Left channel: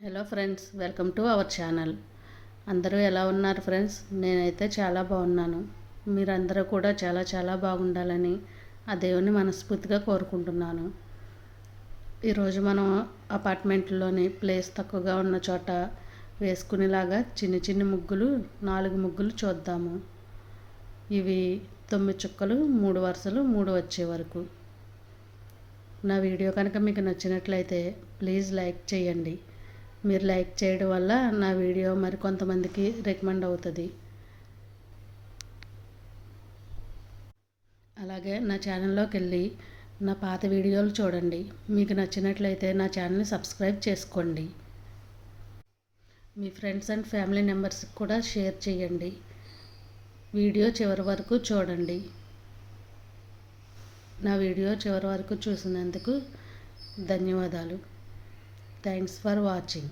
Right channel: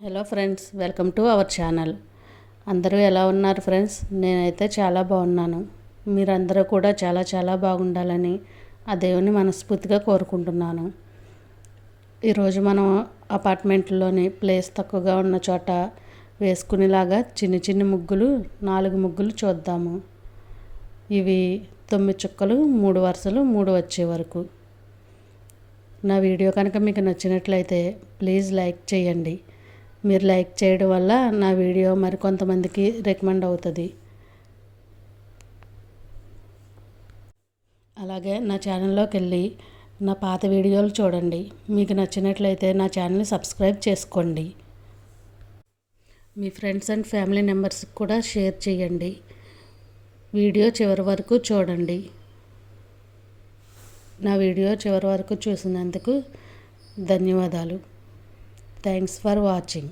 Hello friends, welcome to our channel. అందరూ ఎలా ఉన్నారు ఫ్రెండ్స్? నేనైతే చాలా బాగున్నాను. మీరందరూ కూడా చాలా చాలా బాగుండాలని ఆ దేవుని మనస్ఫూర్తిగా కోరుకుంటున్నాను. ఈరోజు మనం అపార్ట్మెంట్లోని ప్లేస్ తక్కువగా ఉన్న చోట వేసుకునేలాగా చిన్ని చిన్ని ముగ్గులు 4 ముగ్గులు చూద్దాము. ఇవి 9 చుక్కలు, 3 వరుసలు, 3 వచ్చే వరకు. నా వీడియో కనుక మీకు నచ్చినట్లయితే ప్లీజ్ లైక్ చేయండి. మీరు లైక్ చేయడం వల్ల నా వీడియో మరికొంతమందికి రికమెండ్ అవుతుంది. అలాగే నా ఛానల్లోకి వెళ్ళి నా పాత వీడియోలు చూడండి. మీకు నచ్చినట్లయితే నా ఛానల్ని సబ్స్క్రైబ్ చేసుకోండి. మీ ఫ్రెండ్స్ అండ్ ఫ్యామిలీ మెంబర్స్కి కూడా షేర్ చేయండి. వీడియో చివరి వరకు చూడండి. నా వీడియో చివరి వరకు చూసినందుకు ధన్యవాదాలు. Thanks for watching.